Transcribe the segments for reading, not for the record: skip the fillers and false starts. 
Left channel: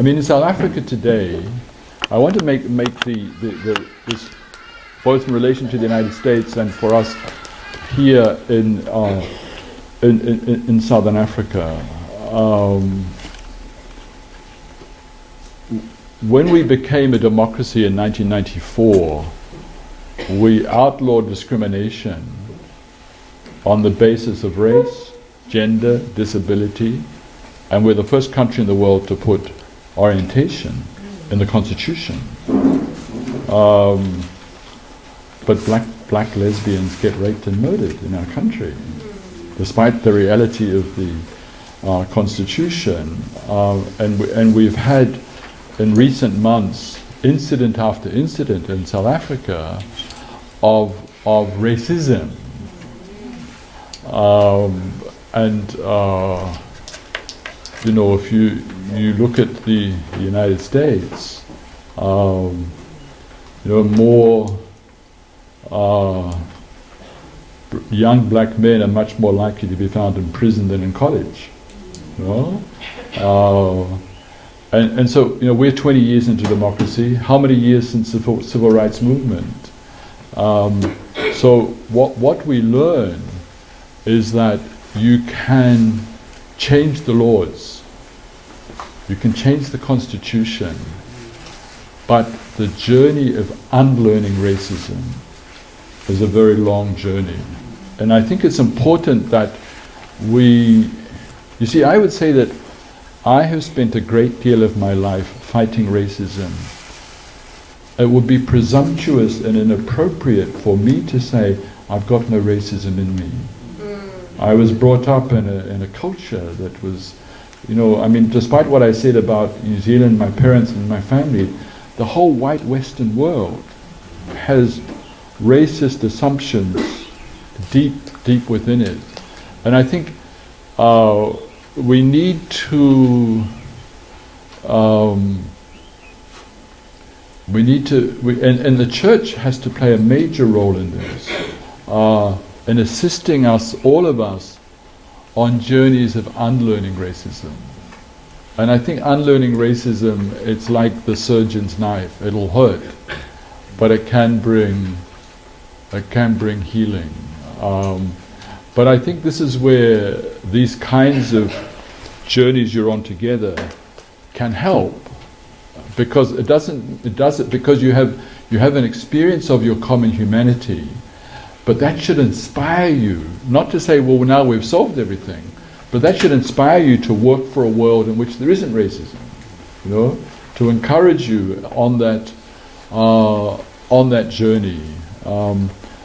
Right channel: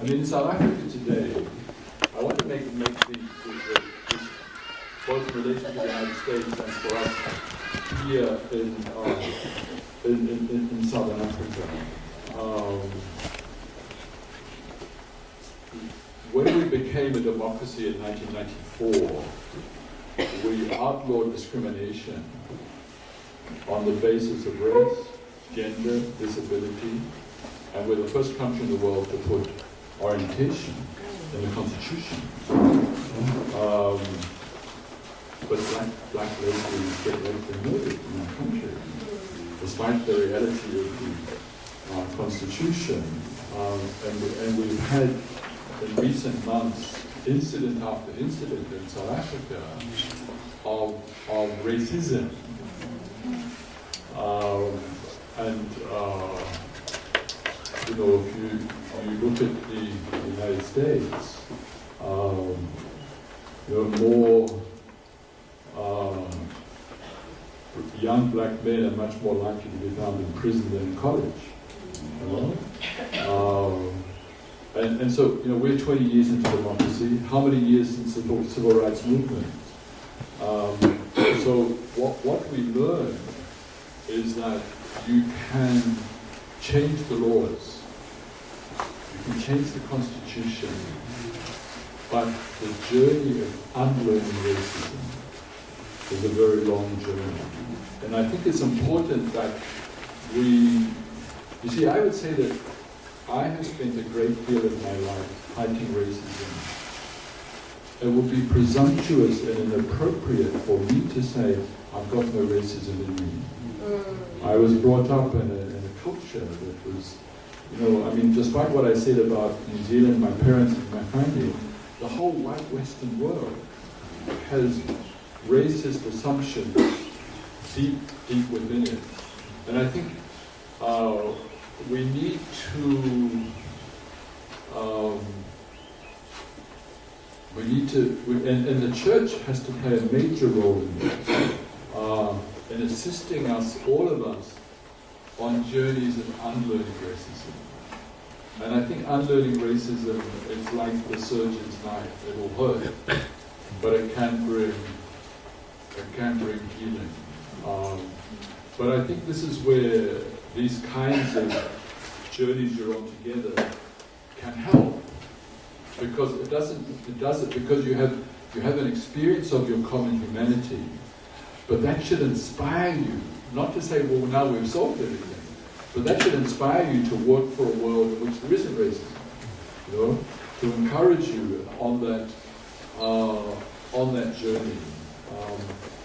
I mean, in South Africa today, I want to make this both in relation to the United States and for us here in Southern Africa. When we became a democracy in 1994, we outlawed discrimination on the basis of race, gender, disability, and we're the first country in the world to put orientation in the Constitution. But black lesbians get raped and murdered in our country, despite the reality of the Constitution. And we've had, in recent months, incident after incident in South Africa of racism. You know, if you look at the United States, you know, more young black men are much more likely to be found in prison than in college. You know? And so, you know, we're 20 years into democracy. How many years since the civil rights movement? So what we learn is that you can change the laws, you can change the Constitution, but the journey of unlearning racism is a very long journey. And I think it's important that you see, I would say that I have spent a great deal of my life fighting racism. It would be presumptuous and inappropriate for me to say, I've got no racism in me. I was brought up in a culture that was, you know, I mean, despite what I said about New Zealand, my parents and my family, the whole white Western world has racist assumptions deep within it. And I think we need to, and the church has to play a major role in this, in assisting us, all of us, on journeys of unlearning racism. And I think unlearning racism, it's like the surgeon's knife. It'll hurt, but it can bring healing. But I think this is where these kinds of journeys you're on together can help, because it does it because you have an experience of your common humanity, but that should inspire you, not to say, well, now we've solved everything, but that should inspire you to work for a world in which there isn't racism, you know, to encourage you on that journey.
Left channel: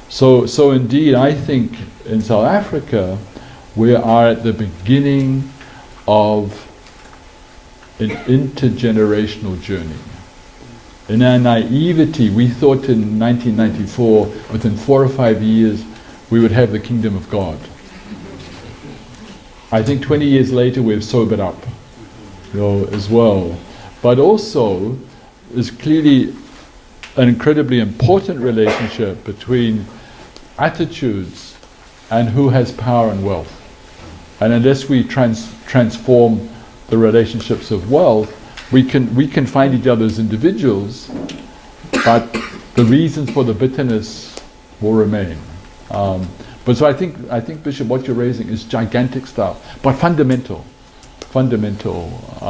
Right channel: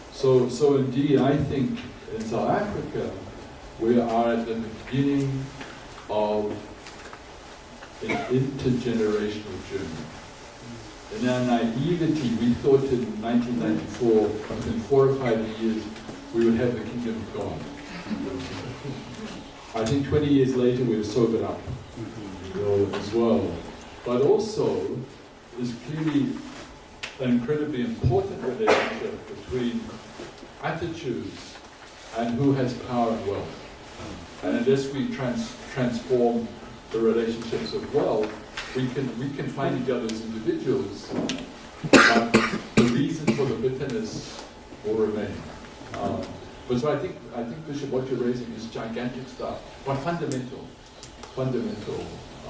So indeed, I think in South Africa we are at the beginning of an intergenerational journey. In our naivety, we thought in 1994, within 4 or 5 years, we would have the kingdom of God. I think 20 years later we've sobered up, you know, as well. But also, there's clearly an incredibly important relationship between attitudes and who has power and wealth. And unless we transform the relationships of wealth, we can find each other as individuals, but the reasons for the bitterness will remain. But so I think Bishop, what you're raising is gigantic stuff, but fundamental.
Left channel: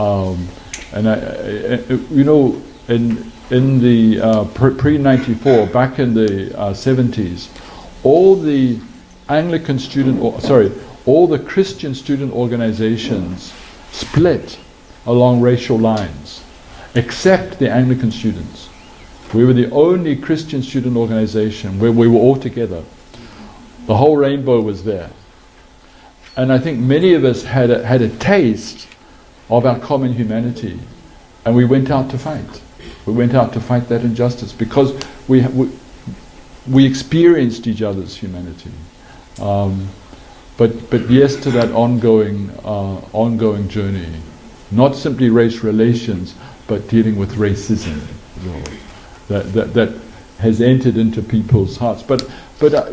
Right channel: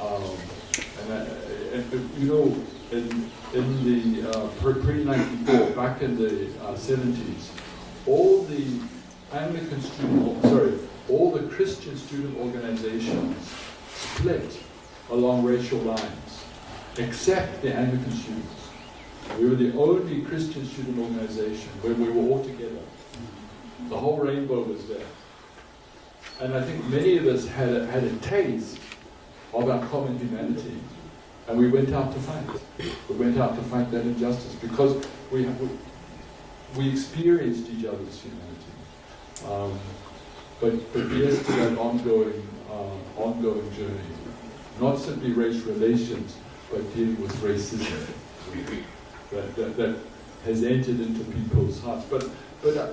And you know, in the pre-94, back in the 70s, all the all the Christian student organizations split along racial lines, except the Anglican students. We were the only Christian student organization where we were all together. The whole rainbow was there. And I think many of us had a taste of our common humanity, and we went out to fight. We went out to fight that injustice because we experienced each other's humanity. But yes, to that ongoing journey, not simply race relations, but dealing with racism that has entered into people's hearts. But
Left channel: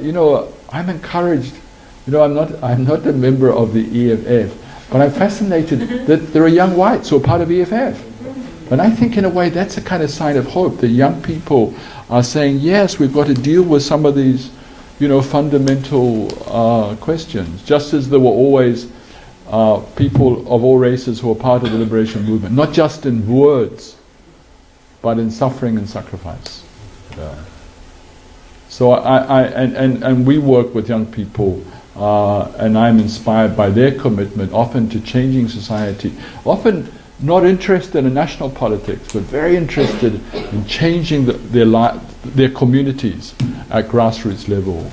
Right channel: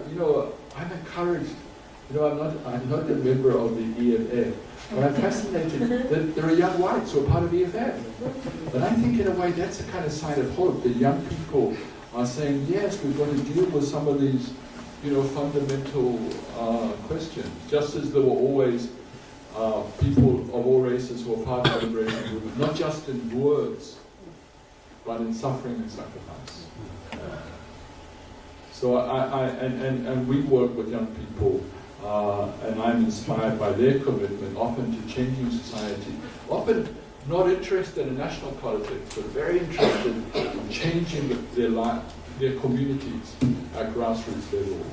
you know, I'm encouraged. You know, I'm not a member of the EFF, but I'm fascinated that there are young whites who are part of EFF. And I think in a way that's a kind of sign of hope. The young people are saying, yes, we've got to deal with some of these, fundamental questions. Just as there were always people of all races who were part of the liberation movement, not just in words, but in suffering and sacrifice. Yeah. So and we work with young people, and I'm inspired by their commitment, often to changing society, often not interested in national politics, but very interested in changing their communities at grassroots level.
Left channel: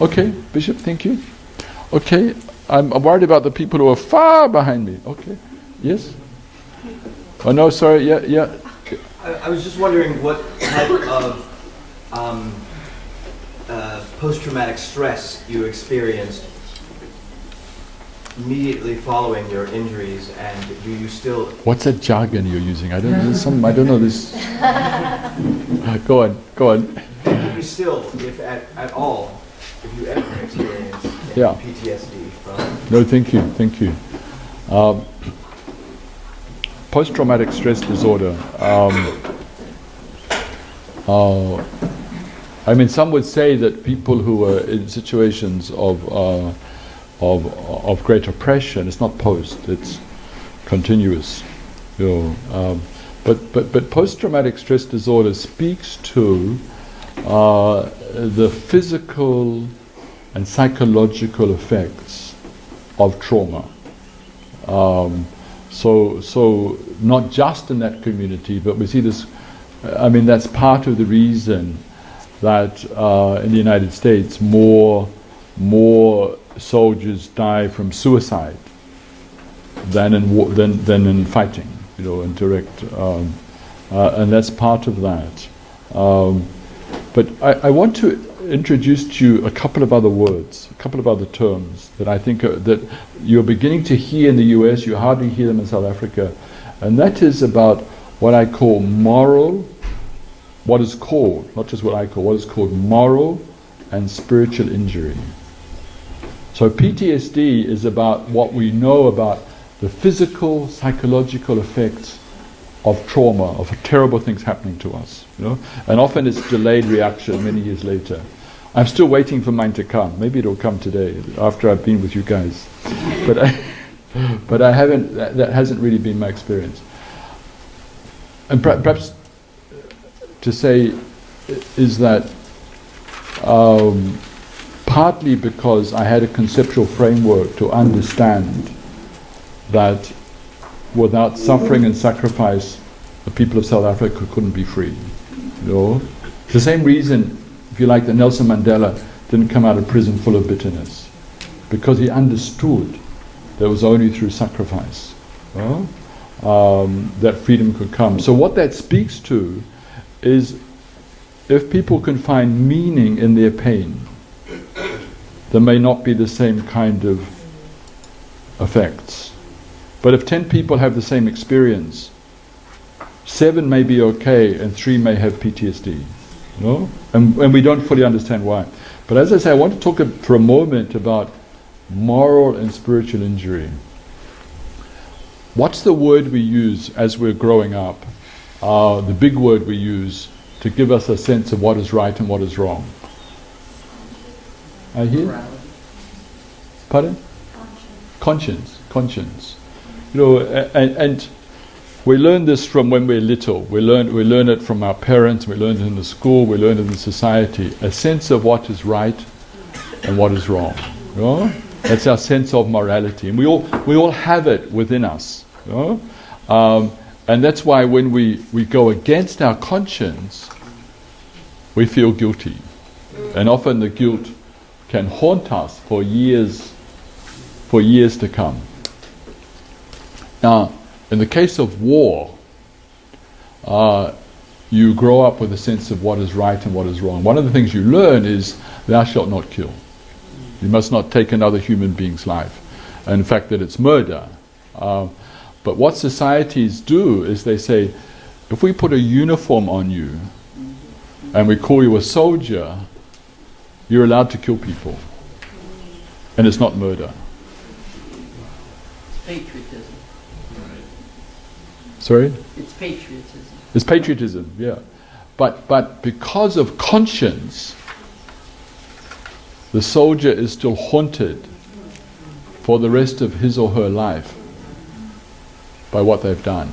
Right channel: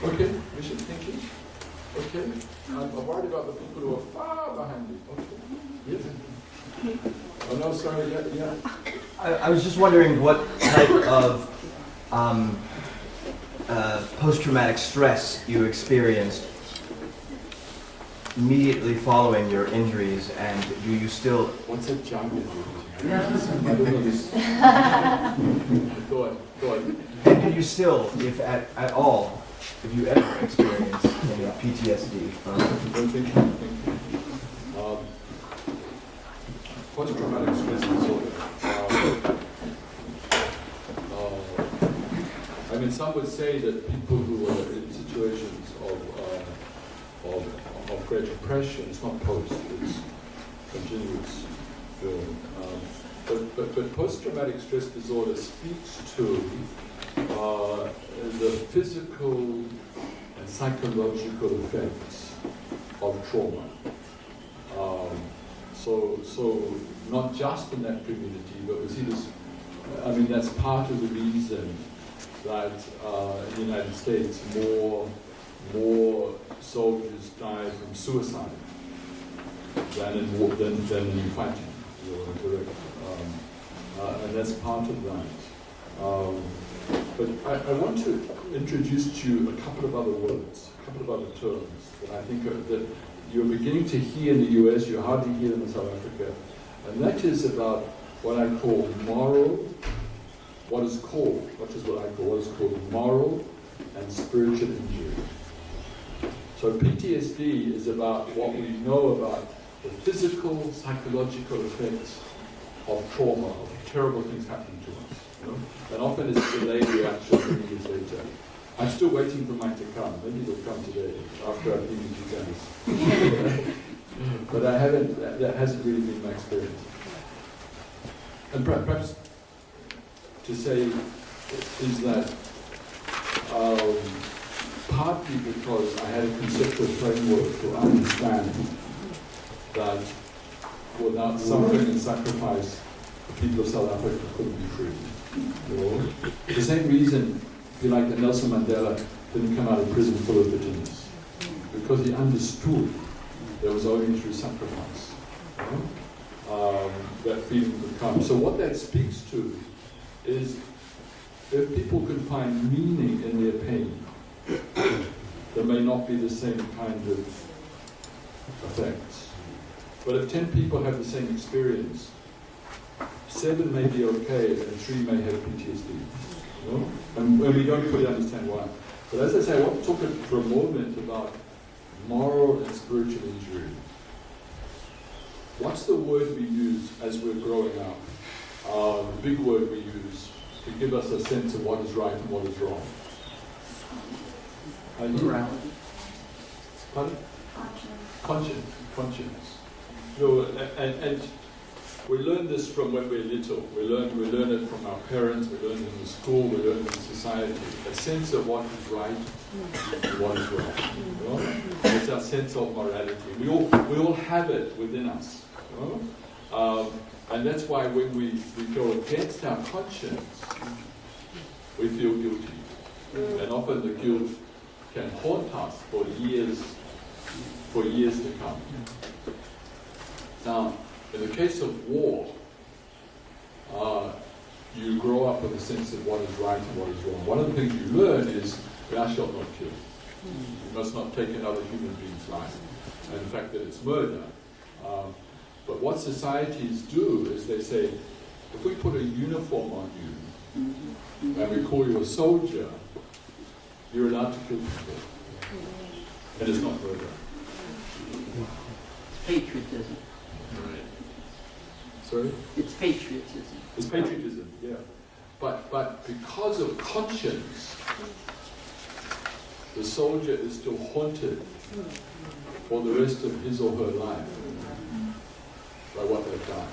Okay, Bishop, thank you. Okay, I'm worried about the people who are far behind me. Okay, yes? Oh no, sorry, yeah. I was just wondering what type of post-traumatic stress you experienced immediately following your injuries, and do you still... What's that jargon you're using? I don't know this. Go on. Do you still, if at all, if you ever experience PTSD from... No, thank you. Post-traumatic stress disorder. Some would say that people who are in situations of great oppression, it's not post, it's continuous. But post-traumatic stress disorder speaks to the physical and psychological effects of trauma. So not just in that community, but we see this. That's part of the reason that in the United States more soldiers die from suicide than in fighting, in direct, and that's part of that. But I want to introduce to you a couple of other words, a couple of other terms that I think that you're beginning to hear in the US, you hardly hear them in South Africa, and that is about what I call what is called moral and spiritual injury. So PTSD is about what we know about the physical, psychological effects of trauma, of terrible things happening to us. And often it's delayed reaction many years later. I'm still waiting for mine to come. Maybe it'll come today, after I've been with you guys. But I haven't. That hasn't really been my experience. And perhaps to say is that partly because I had a conceptual framework to understand that without suffering and sacrifice, the people of South Africa couldn't be free. The same reason, if you like, that Nelson Mandela didn't come out of prison full of bitterness, because he understood that it was only through sacrifice that freedom could come. So what that speaks to is, if people can find meaning in their pain, there may not be the same kind of effects. But if 10 people have the same experience, 7 may be okay and 3 may have PTSD. And we don't fully understand why. But as I say, I want to talk for a moment about moral and spiritual injury. What's the word we use as we're growing up? The big word we use to give us a sense of what is right and what is wrong. Morality. Pardon? Conscience. And we learn this from when we're little. We learn it from our parents. We learn it in the school. We learn it in society. A sense of what is right and what is wrong. That's our sense of morality, and we all have it within us. And that's why when we go against our conscience, we feel guilty, and often the guilt can haunt us for years to come. Now, in the case of war, you grow up with a sense of what is right and what is wrong. One of the things you learn is, thou shalt not kill. You must not take another human being's life. And in fact, that it's murder. But what societies do is they say, if we put a uniform on you and we call you a soldier, you're allowed to kill people. And it's not murder. Patriotism. Sorry? It's patriotism. It's patriotism, yeah. But because of conscience, the soldier is still haunted for the rest of his or her life by what they've done.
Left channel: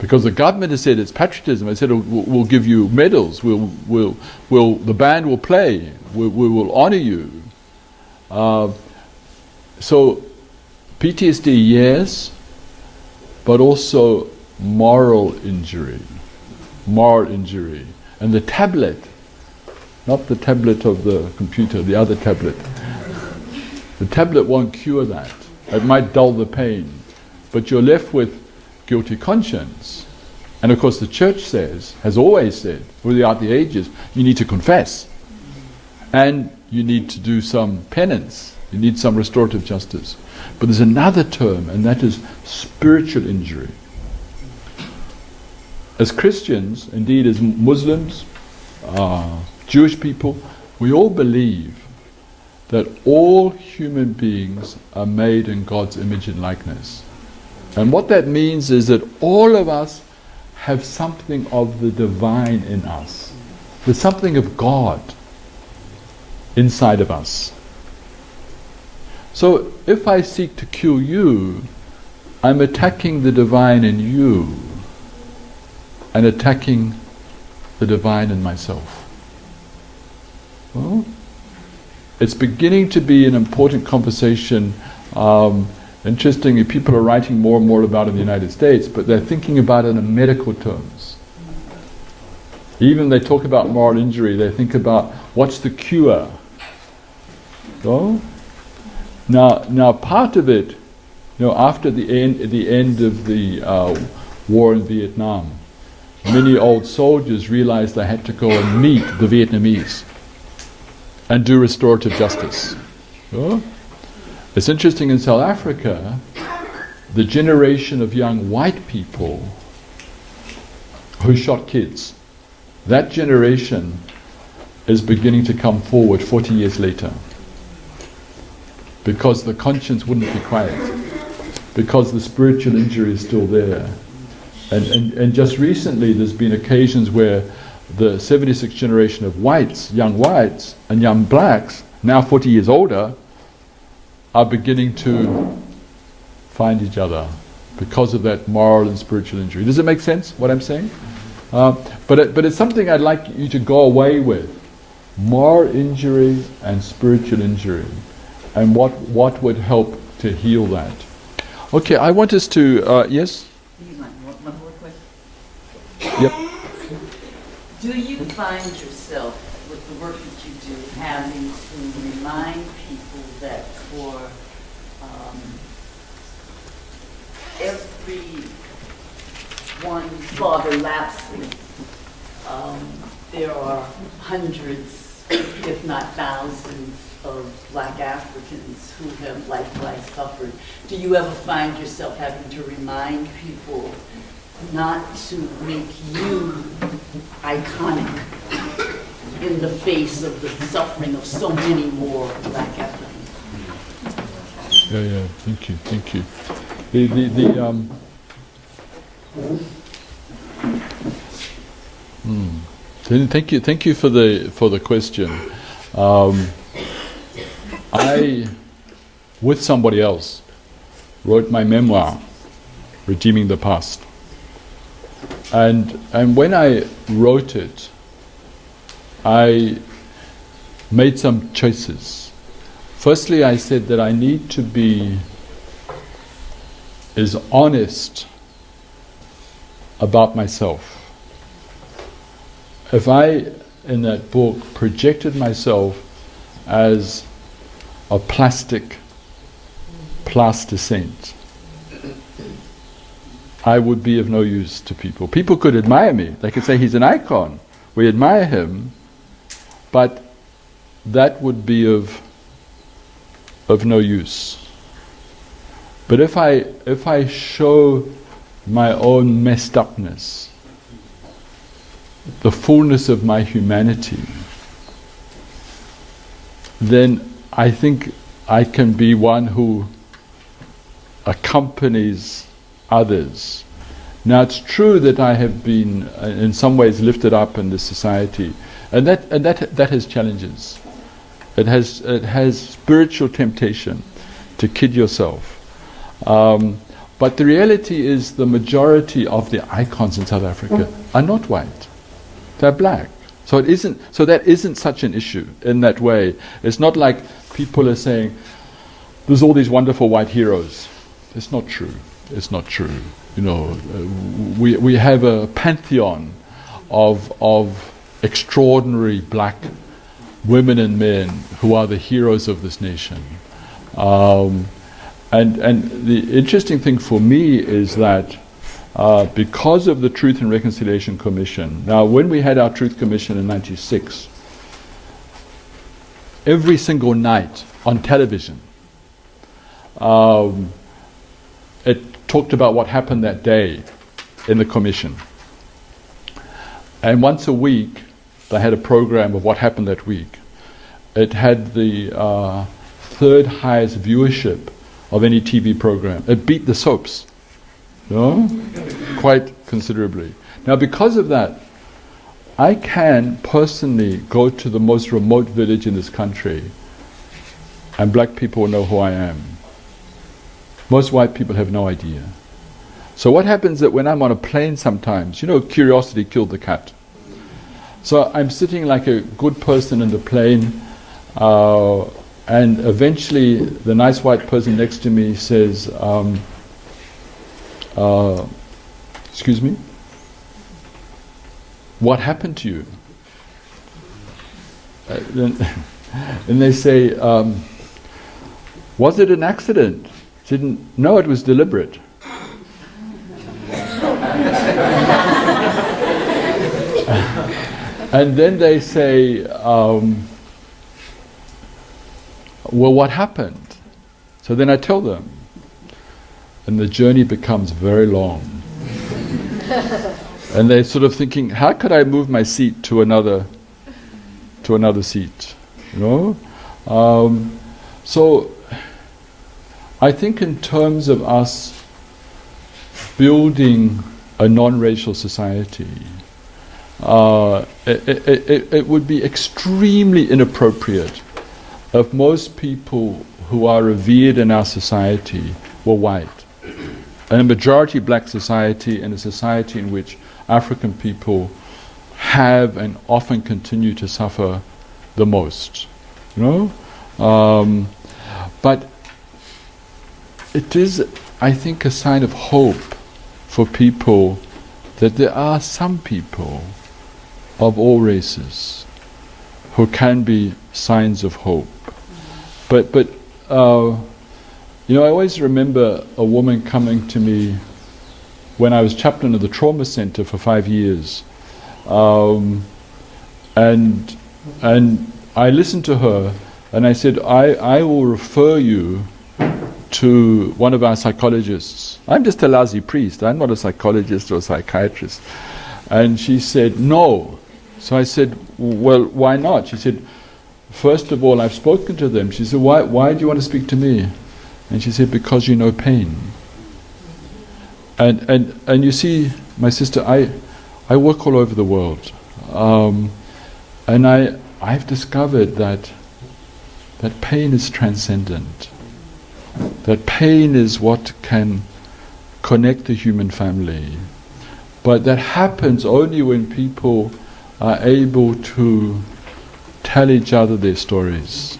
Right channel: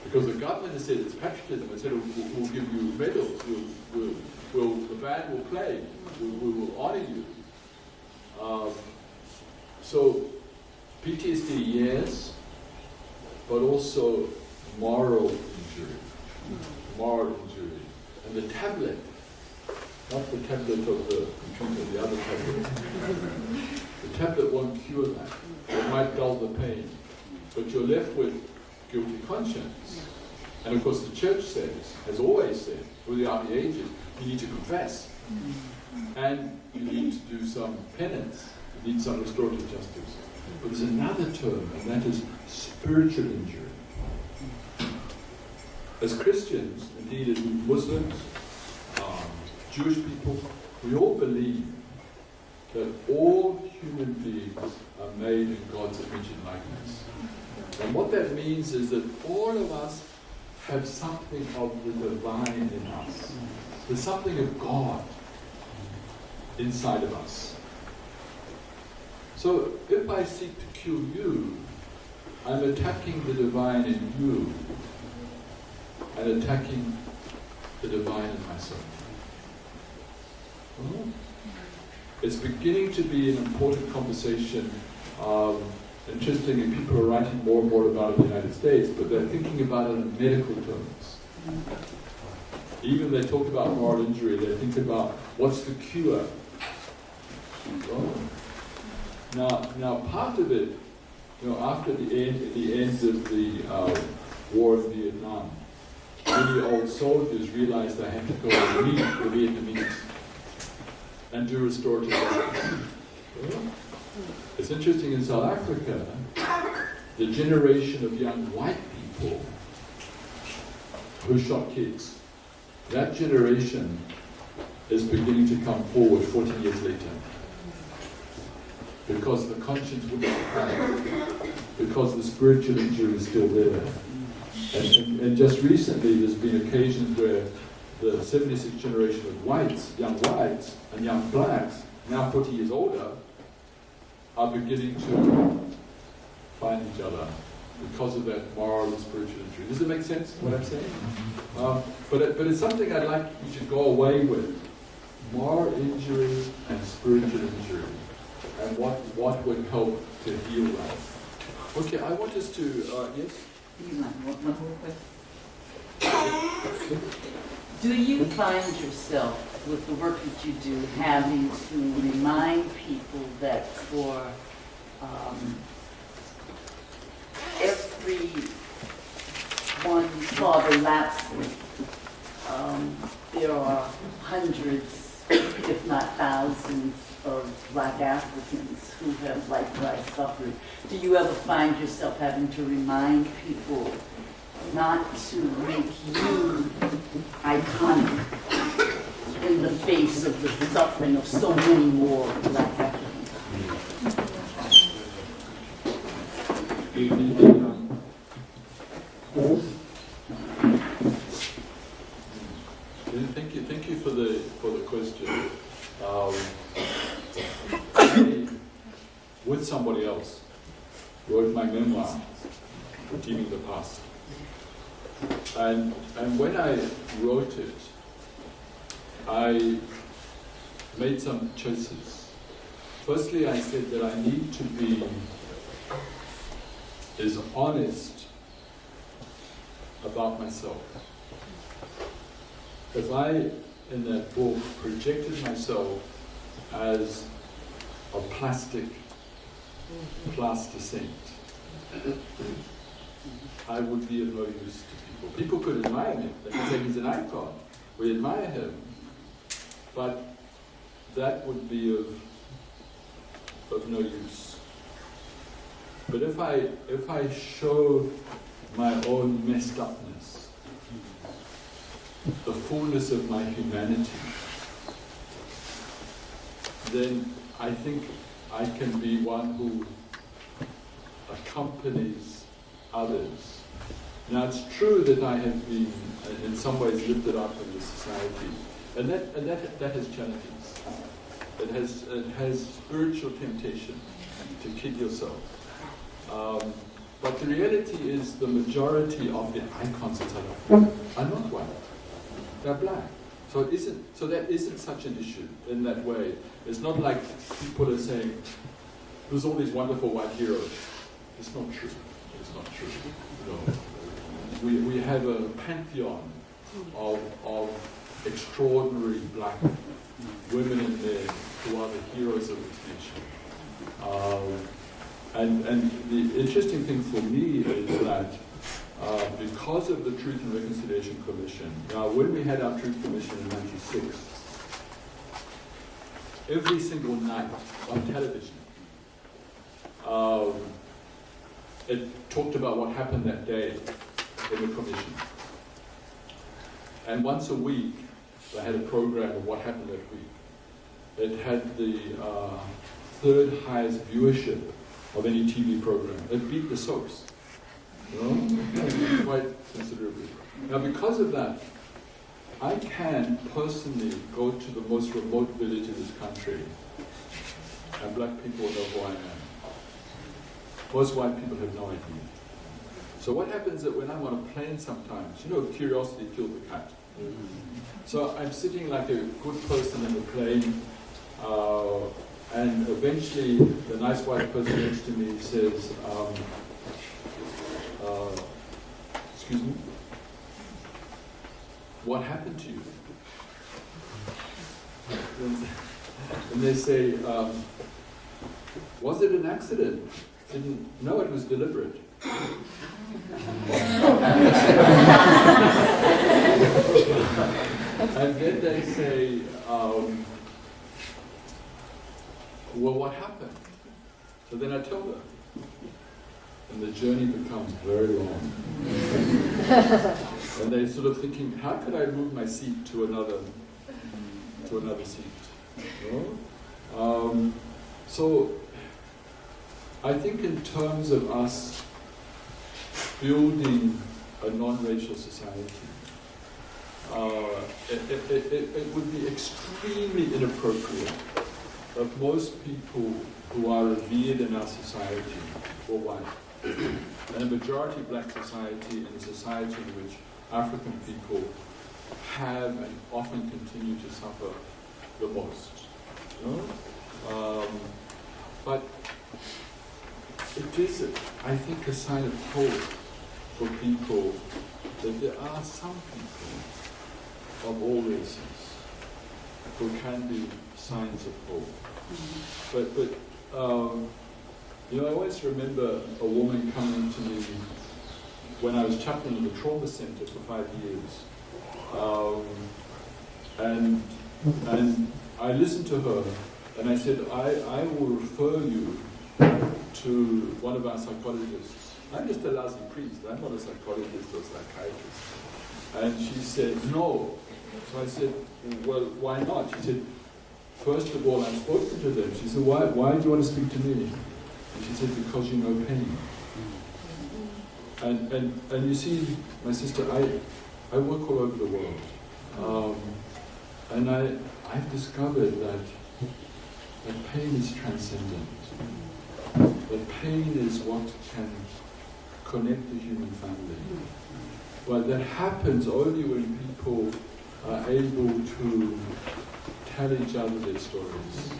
Because the government has said it's patriotism. They said we'll give you medals. The band will play. We will honour you. So PTSD, yes, but also moral injury. And the tablet, not the tablet of the computer, the other tablet. The tablet won't cure that. It might dull the pain, but you're left with guilty conscience. And of course the church has always said, throughout the ages, you need to confess. And you need to do some penance. You need some restorative justice. But there's another term, and that is spiritual injury. As Christians, indeed as Muslims, Jewish people, we all believe that all human beings are made in God's image and likeness. And what that means is that all of us have something of the divine in us. There's something of God inside of us. So if I seek to kill you, I'm attacking the divine in you and attacking the divine in myself. Well, it's beginning to be an important conversation. Interestingly, people are writing more and more about it in the United States, but they're thinking about it in medical terms. Even they talk about moral injury, they think about what's the cure. So, now part of it, after the end of the war in Vietnam, many old soldiers realized they had to go and meet the Vietnamese and do restorative justice. So, it's interesting, in South Africa, the generation of young white people who shot kids, that generation is beginning to come forward 40 years later. Because the conscience wouldn't be quiet. Because the spiritual injury is still there. And just recently there's been occasions where the 76th generation of whites, young whites, and young blacks, now 40 years older, are beginning to find each other because of that moral and spiritual injury. Does it make sense, what I'm saying? But it's something I'd like you to go away with. Moral injury and spiritual injury. And what would help to heal that. Okay, I want us to, yes? Yep. Do you find yourself, with the work that you do, having to remind people that for every one Father Lapsley, there are hundreds, if not thousands, of Black Africans who have likewise suffered? Do you ever find yourself having to remind people not to make you iconic in the face of the suffering of so many more Black Africans? Yeah, thank you. Thank you for the question. I, with somebody else, wrote my memoir, Redeeming the Past. And when I wrote it, I made some choices. Firstly, I said that I need to be as honest about myself. If I, in that book, projected myself as a plaster saint, I would be of no use to people. People could admire me. They could say he's an icon. We admire him, but that would be of no use. But if I show my own messed upness, the fullness of my humanity, then I think I can be one who accompanies others Now it's true that I have been in some ways lifted up in this society, and that has challenges. It has spiritual temptation to kid yourself. But the reality is the majority of the icons in South Africa are not white. They're black. So that isn't such an issue in that way. It's not like people are saying, there's all these wonderful white heroes. It's not true. It's not true. You know, we have a pantheon of extraordinary black women and men who are the heroes of this nation. And the interesting thing for me is that because of the Truth and Reconciliation Commission, now when we had our Truth Commission in '96, every single night on television, it talked about what happened that day in the commission. And once a week, they had a program of what happened that week. It had the third highest viewership of any TV program. It beat the soaps, you know, quite considerably. Now, because of that, I can personally go to the most remote village in this country, and black people know who I am. Most white people have no idea. So what happens that when I'm on a plane sometimes, you know, curiosity killed the cat. So I'm sitting like a good person in the plane, and eventually the nice white person next to me says, excuse me, what happened to you? And they say, was it an accident? I said, no, it was deliberate. And then they say, well, what happened? So then I tell them. And the journey becomes very long. And they're sort of thinking, how could I move my seat to another seat? You know? So I think in terms of us building a non-racial society, it would be extremely inappropriate if most people who are revered in our society were white. And a majority black society, and a society in which African people have and often continue to suffer the most. You know? But it is, I think, a sign of hope for people that there are some people of all races who can be signs of hope. But you know, I always remember a woman coming to me when I was chaplain of the trauma center for 5 years, and I listened to her, and I said, I will refer you to one of our psychologists. I'm just a lousy priest. I'm not a psychologist or a psychiatrist. And she said, no. So I said, well, why not? She said, first of all, I've spoken to them. She said, why do you want to speak to me? And she said, because you know pain. And you see, my sister, I work all over the world. And I've discovered that pain is transcendent. That pain is what can connect the human family. But that happens only when people are able to tell each other their stories,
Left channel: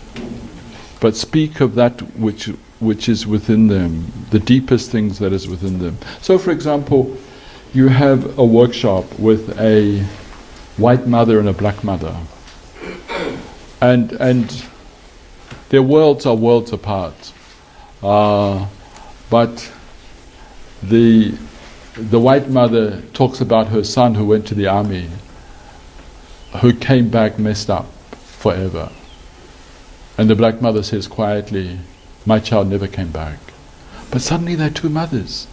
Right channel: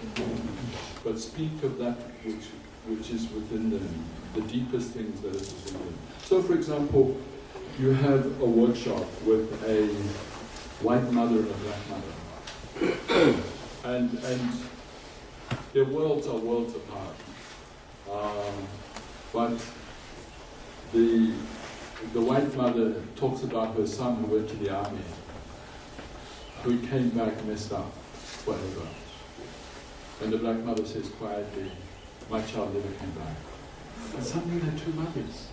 but speak of that which is within them, the deepest things that is within them. So, for example, you have a workshop with a white mother and a black mother, and their worlds are worlds apart. But the white mother talks about her son who went to the army, who came back messed up forever. And the black mother says quietly, my child never came back. But suddenly they're two mothers.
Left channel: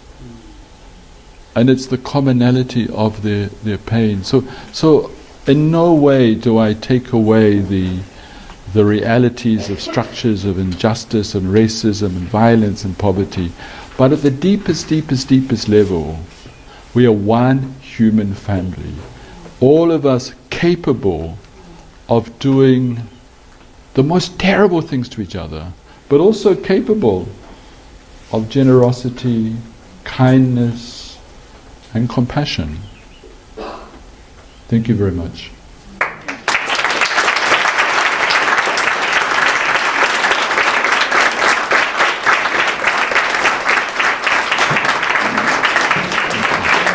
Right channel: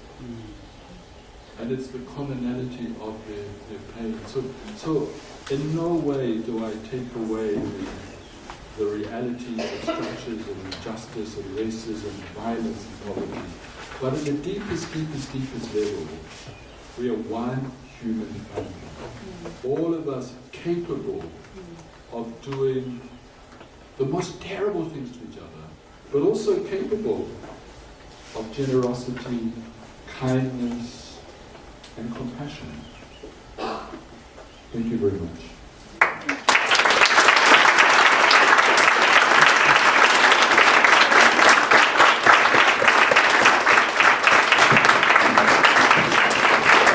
And it's the commonality of their pain. So in no way do I take away the realities of structures of injustice and racism and violence and poverty. But at the deepest level, We are one human family. All of us capable of doing the most terrible things to each other, but also capable of generosity, kindness, and compassion. Thank you very much.